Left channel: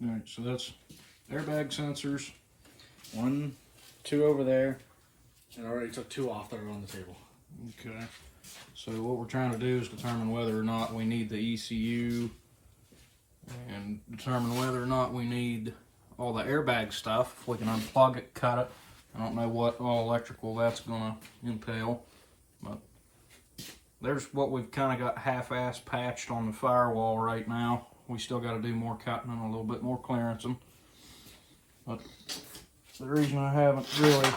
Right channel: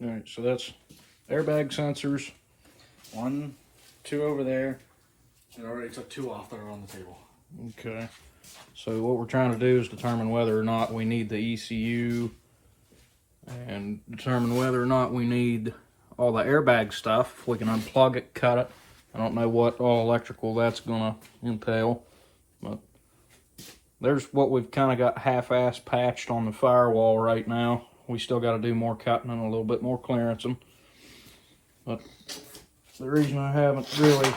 All right, so that's airbag sensors. 1, 2 over there. And I already took 2 off that are on the table. Okay. So what we're trying to do is determine whether or not we need the ECU and determine whether or not we need all the airbag stuff. If we can unplug it, cut it. I don't know what all electrical that's gonna entail, but there's what we've kind of got half-ass patched on the firewall right now. We still got to do more cutting and a little bit more clearancing. But the reason I haven't really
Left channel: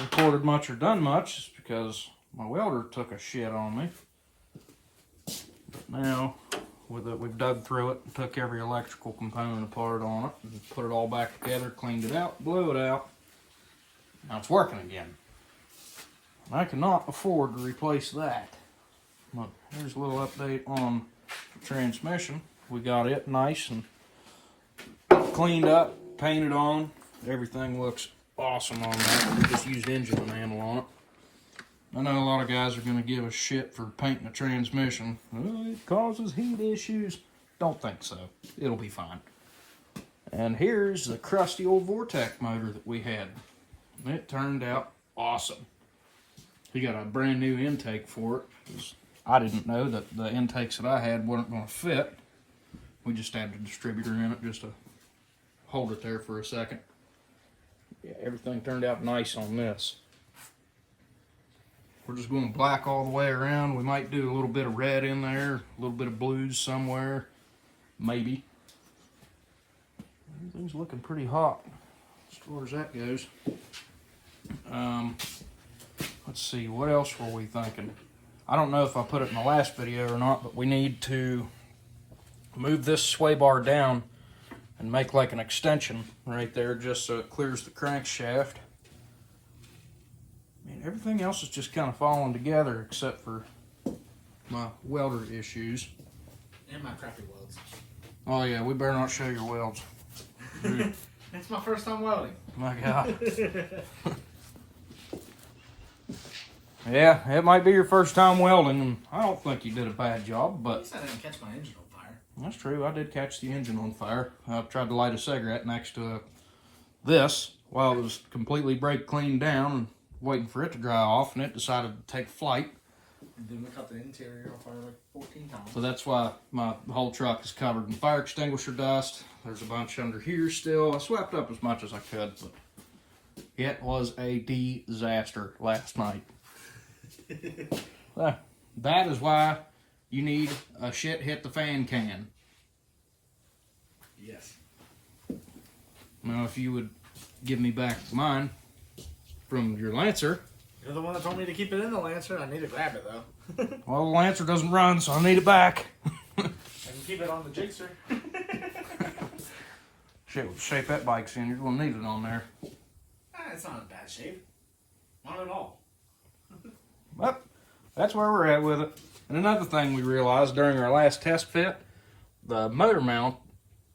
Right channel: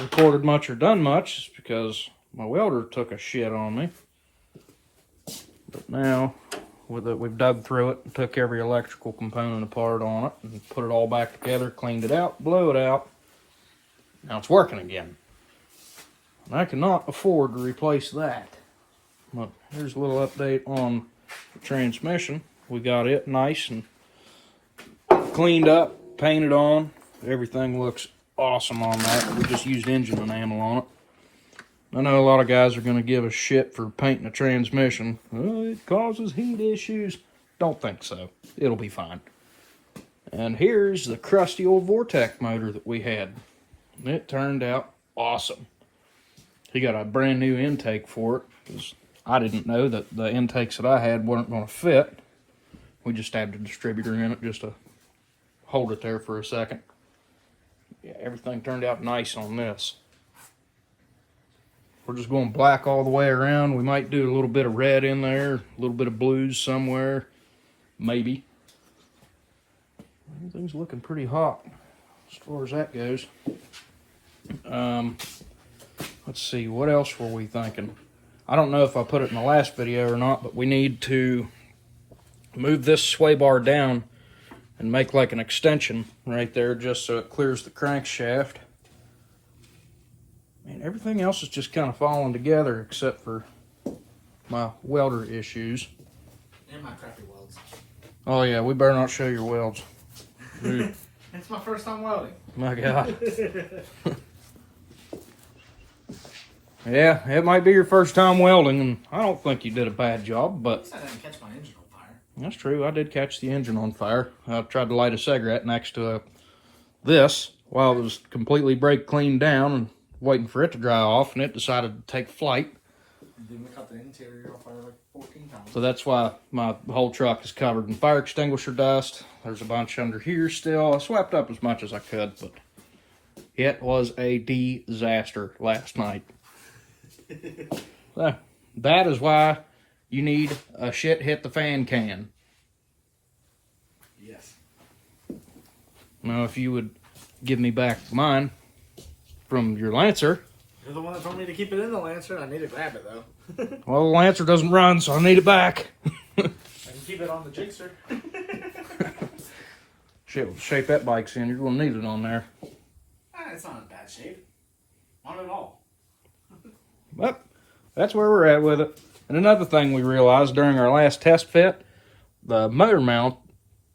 recorded much or done much is because my welder took a shit on me. But now, with it, we've dug through it and took every electrical component apart on it and put it all back together, cleaned it out, blew it out. Now it's working again. I cannot afford to replace that. But here's a little update on the transmission. We got it nice and cleaned up, painted on. Everything looks awesome on that. We just used engine enamel on it. I know a lot of guys are going to give a shit for painting a transmission. Oh, it causes heat issues. Don't think so. It'll be fine. And here's the crusty old Vortec motor that we had. It turned out awesome. He got a brand new intake for it, because I didn't know that the intakes that I had weren't going to fit. We just had the distributor in it just to hold it there for a second. Yeah, everything turned out nice on this. We're just going black all the way around. We might do a little bit of red in there, a little bit of blues somewhere, maybe. Everything's looking pretty hot as far as that goes. Let's see, what else were we thinking? I don't know if I put it in the last video or not, but we need to move this sway bar down and make like an extension right there just so it clears the crankshaft. I mean, everything else is just kind of falling together except for my welder issues. And my crappy welds. Oh yeah, we better not show your welds. Dude. It's my first time welding. My God. Yeah, it might be your first time welding, and I don't think you did a bad job, but... At least I didn't catch my engine on fire. That's true, I did catch the engine on fire. I tried to light a cigarette next to this while it was completely brake cleaned down and waiting for it to dry off, and it decided to take flight. And then we cut the interior on fire like 14 times. So that's why my whole truck is covered in fire extinguisher dust. There's a bunch under here still. I swept up as much as I could, but it was a disaster last night. So, that is why you need a shit hit the fan can. Yes. Now, if you would give me back mine from your Lancer. You're the one that told me to keep it in the Lancer. I need to grab it though. Well, the Lancer doesn't run, so I need it back. And keep it on the Jacer. Shit, with the shape that bike's in, you're going to need it on there. It's not in bad shape. Not at all. But that's where we're at with it. And another thing we realized during our last test fit, the motor mount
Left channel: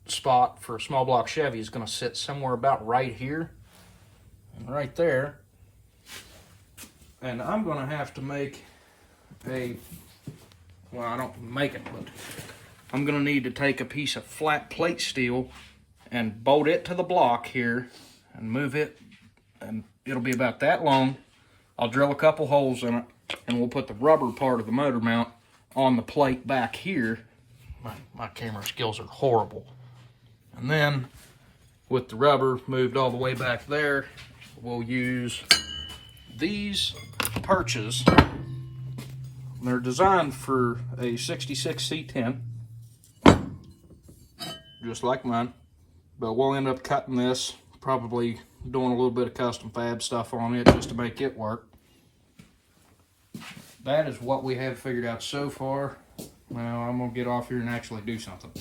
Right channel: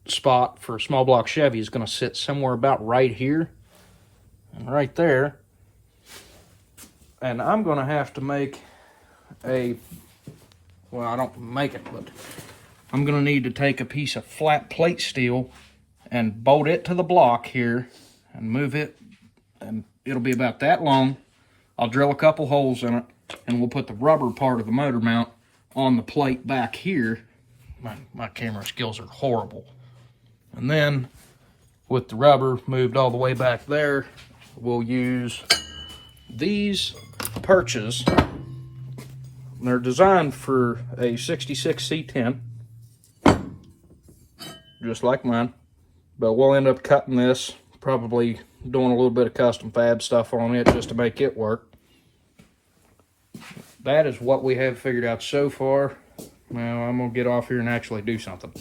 spot for a small block Chevy is going to sit somewhere about right here and right there. And I'm going to have to make a, well, I don't make it, but I'm going to need to take a piece of flat plate steel and bolt it to the block here and move it, and it'll be about that long. I'll drill a couple holes in it, and we'll put the rubber part of the motor mount on the plate back here. My camera skills are horrible. And then, with the rubber moved all the way back there, we'll use these perches. They're designed for a 66 C10, just like mine. But we'll end up cutting this, probably doing a little bit of custom fab stuff on it just to make it work. That is what we have figured out so far. Now I'm going to get off here and actually do something.